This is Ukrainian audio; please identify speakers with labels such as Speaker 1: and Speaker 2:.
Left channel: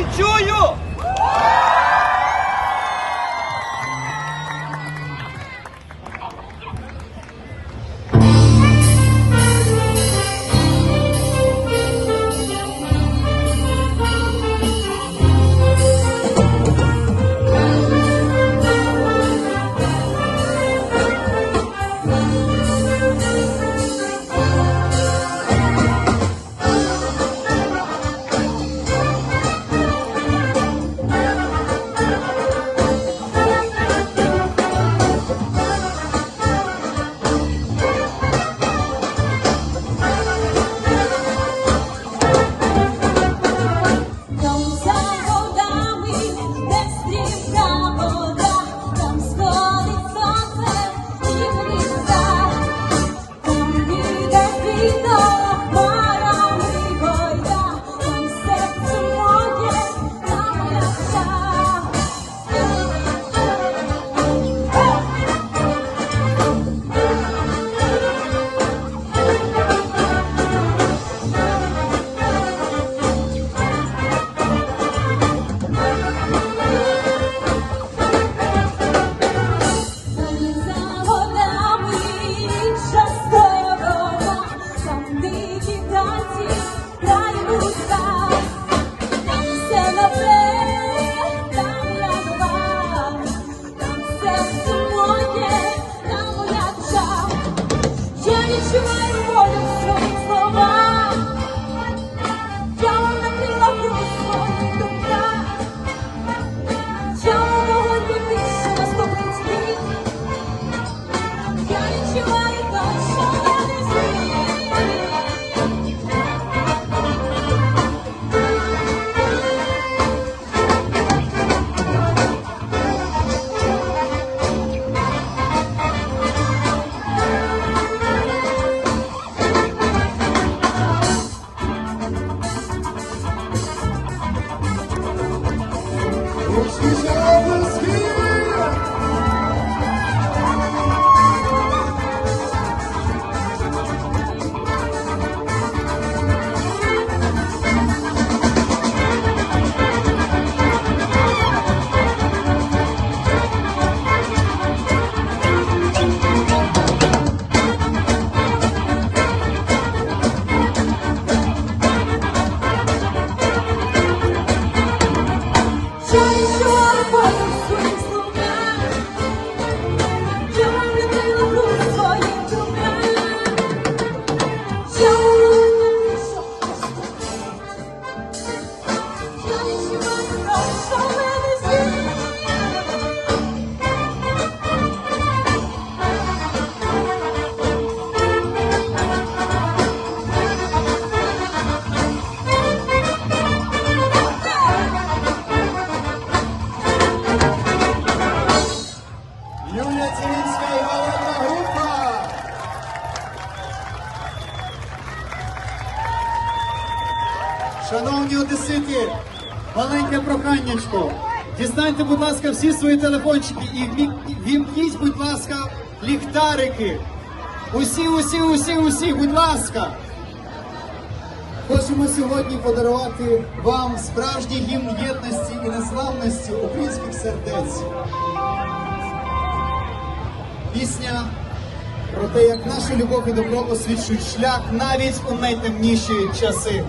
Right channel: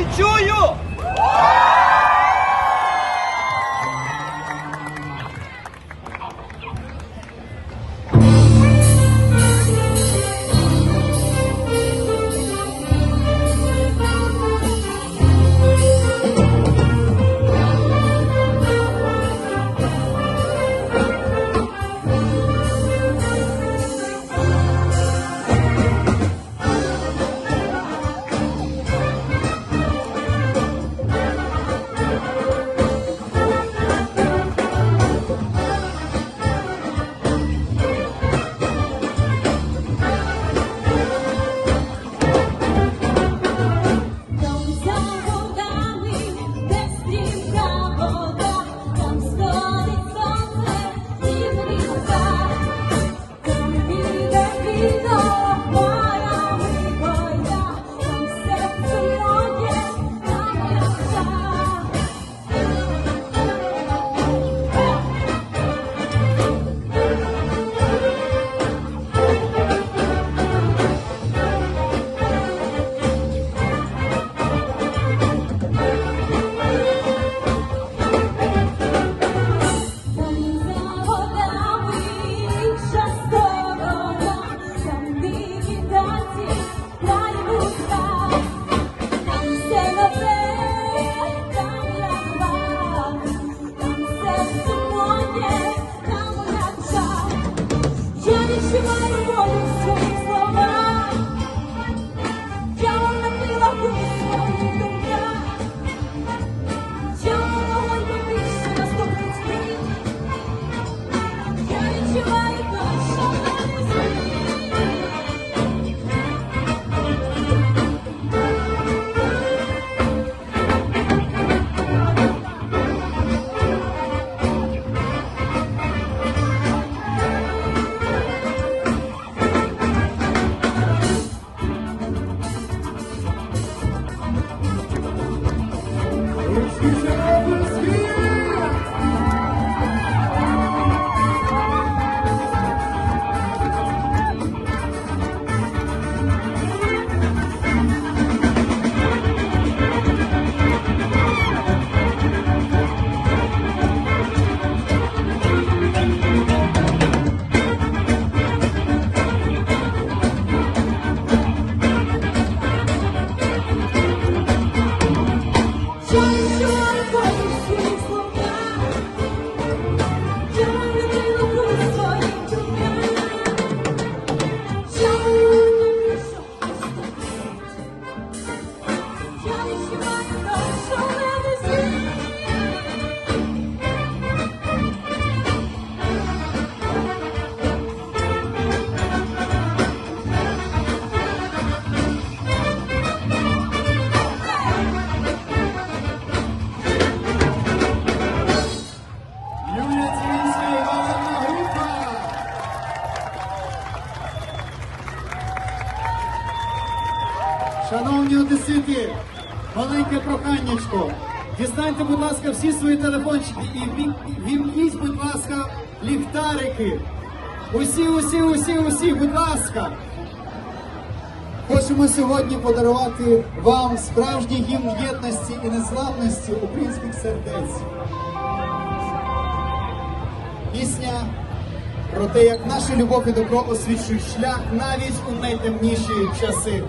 Speaker 1: не
Speaker 2: Christmas, Christmas, Christmas. Шановні одесити, маленьке проханнячко. Дістаньте, будь ласка, всі свої телефончики і віп- будь ласка, ліхтарики. Усі, усі, усі, усі, будь ласка. Хочемо сьогодні подарувати вам справжній гімн єдності і незламності українських сердець. Пісня про те, як наша любов і добро освічують шлях навіть у найтемніші часи.